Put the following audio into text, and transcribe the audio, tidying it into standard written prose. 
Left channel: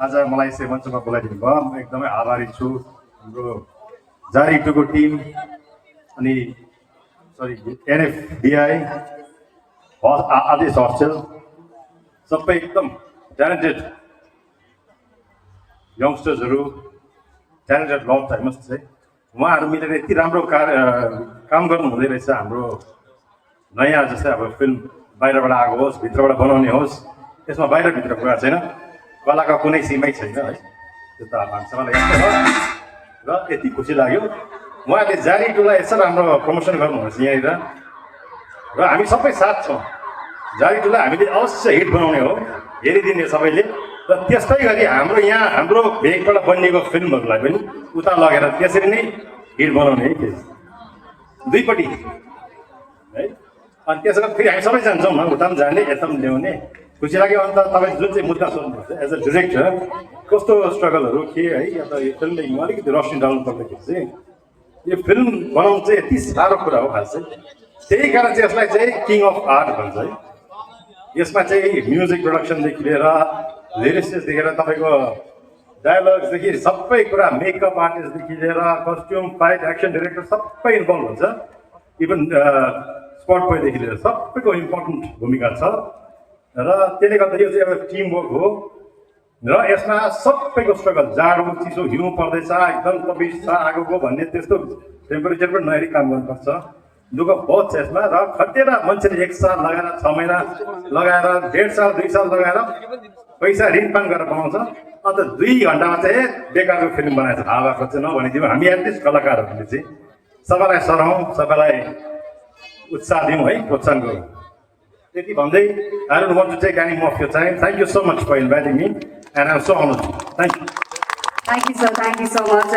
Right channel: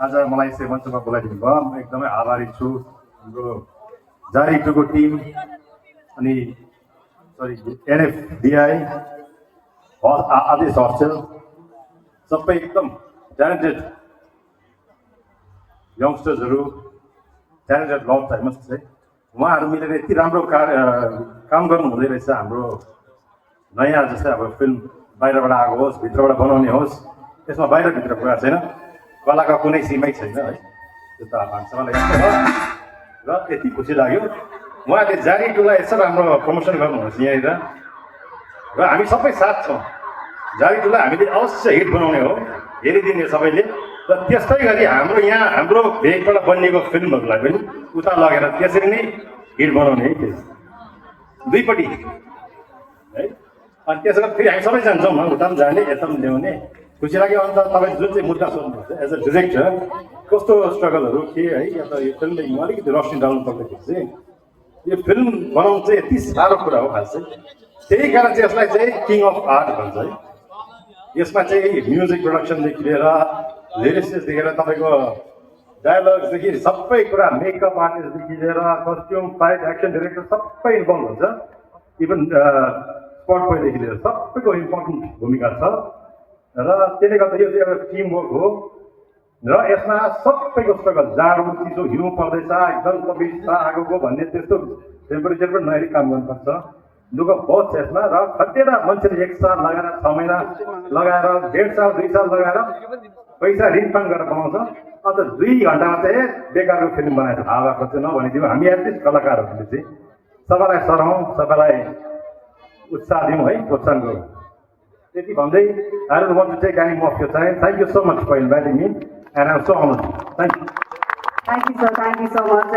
आज मलाई यसै मञ्चमा बोलाइदिनु भयो म एकदमै आभारी छु हाम्रो जारी टुको टिम अनि सरी एनएफबिआई आदेश हस्टेल सबै एकदम ट्यालेन्टेड यङ्स्टर्सहरू ट्यालेन्टेड लभ टाइमस चाहिँ उहाँहरू मिलेर यति राम्रो काम गर्नु हुँदै रहेछ हाम्रो नयाँ जस्तै अब फिल्म बाहिरबाट आएको होस् भित्रबाट बनाउने होस् यसमा बाहिरभित्र कुरा छैन कलाका कुनै सीमै छैन है त्यो त मान्छेलाई यस्तो हो र यति खुसी लाग्यो उहाँले जारी टुलाई यस्तो राम्रो प्रमोसन गर्नुहुनेछ यहाँनिर र हामी सबै साथ छौँ जारी टुलाई हामीले अवश्य हिट बनाउने हो हेरिदिने सबैले र त्यस्तै गरी हाम्रो यहाँ हाम्रो भेगबाट बनिएको फिल्महरूलाई पनि उता लगेर त्यसरी नै हिट बनाउने है त्यो दुईपट्टि है अनि त्यसो गरी फेरि हामी सबै जान्छौँ उता पनि जाने यता पनि ल्याउने खुसी लाग्यो अन्त तपाईँ जुन चाहिँ मुद्दा सोध्नुहुन्छ एज अ डिरेक्टर कस्तो स्ट्रगलहरू के है या त यो फिल्म मेकिङमा अलिकति रोशनी डाल्नु पर्दाखेरि चाहिँ यो फिल्म बनाउनु चाहिँ यति साह्रो कुरा हो खास चाहिँ त्यही कारण चाहिँ यसलाई चाहिँ किङ अफ आर्ट भन्छ है यसमा चाहिँ म्युजिक प्रोडक्सनदेखि लिएर लिरिक्सदेखि लिएर तपाईँको डायलग्सदेखि सबै कुरा मेकअप आर्टिस्टदेखि लिएर कस्ट्युम फाइट एक्सन डिरेक्टर सबै इन्भल्भ हुन्छ इभन स्पट बोयदेखि लिएर सबैको इम्पोर्टेन्ट भूमिका छ र त्यसले गर्दा यो चाहिँ एउटा टिम वर्क हो र यसमा सबैको स्ट्रगल जाडो चिसो हिउँ पर्दैछ एकदम तबिस छ आगोको भन्ने त्यस्तो टेम्परेचर पनि नहेरी काम गर्नुपर्छ दुःख बहुत छ यसमा र खटेर मान्छेले 1 साल लगाएर 6 महिना लगाएर 1.5 साल 2 साल लगाएर पैसा रिङपाङ गरेर बनाउँछ अन्त 2 घन्टामा चाहिँ बेकारको फिल्म बनाएछ हावाको चाहिँ नभनिदिउँ हामी एटलिस्ट कलाकारहरूले चाहिँ सबैलाई सराउँ सबैलाई उत्साह दिउँ है प्रोत्साहन गरौँ त्यति भन्दै I don't want to take any more of your time. Thank you so much for inviting me and I'm so honored. Thank you. Thank you, sir. Thank you so much.